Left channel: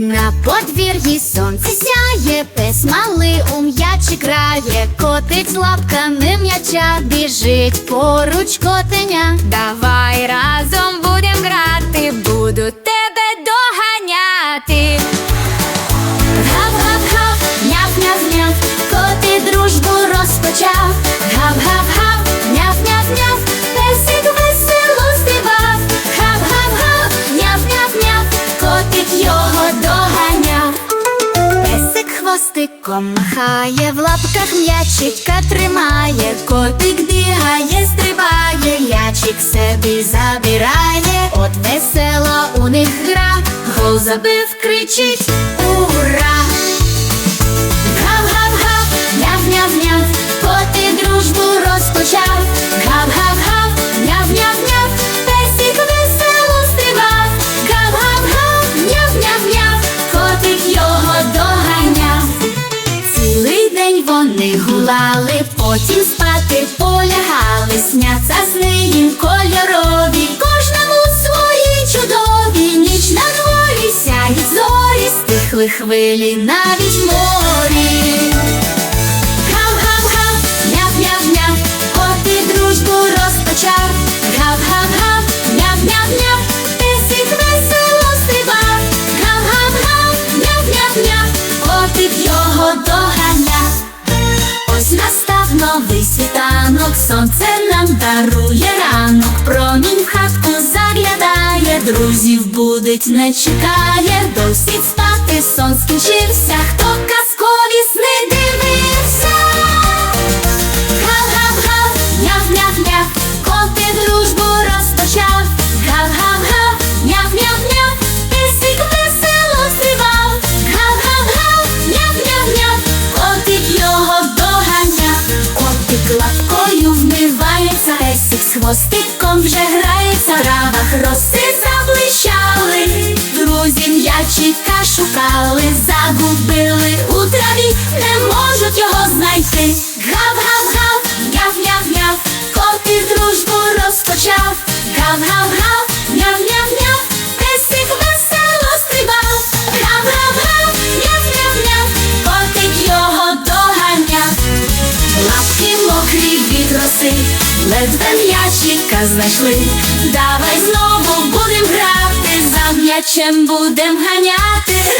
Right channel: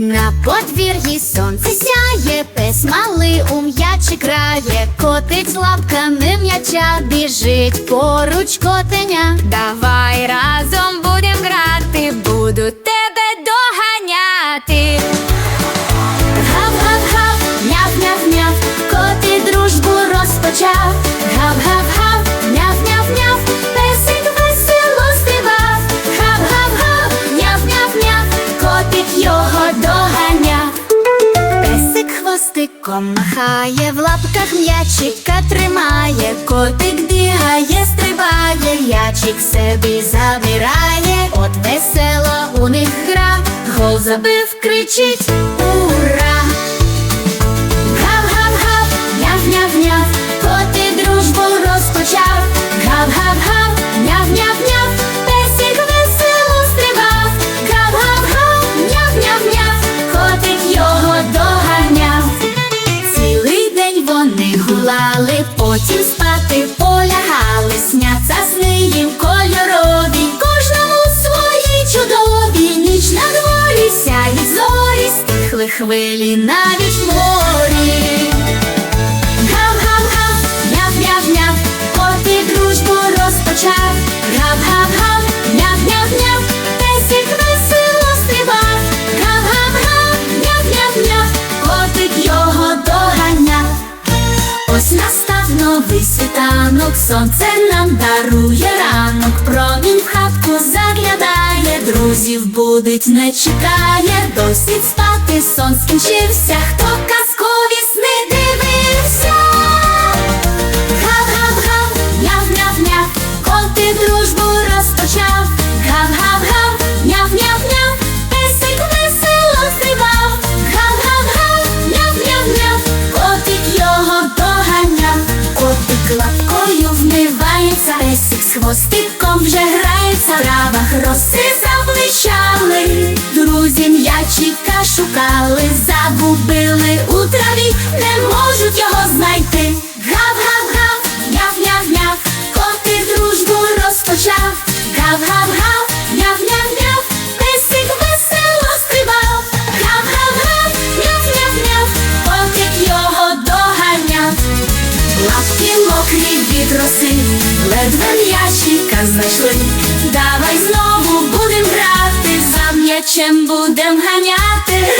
На подвір'ї сонце сяє, пес малий у м'ячі грає, котить лапками м'яча, біжить поруч котеня. Давай разом хвостиком махає, в лапках м'ячика тримає, котик бігає, стрибає, ячик собі забирає, от весело у них гра, гол забив, кричить вони потім спати полягали, сняться сни їм кольорові, кожному свої чудові, ніч на дворі сяють зорі, стихли хвилі навіть морі. Гав-гав-гав, няв-няв-няв, коти дружбу розпочав. Гав-гав-гав, світанок, сонце нам дарує ранок, промінь в хатку заглядає, друзів будить, не чекає, досить спати, сон скінчився, хто хвостиком вже грається. В травах роси заблищали, друзі м'ячика шукали, загубили у траві, не можуть його знайти. Гав-гав-гав, Лапки мокрі від роси, ледве м'ячика знайшли. Давай знову будем грати, за м'ячем будем ганяти.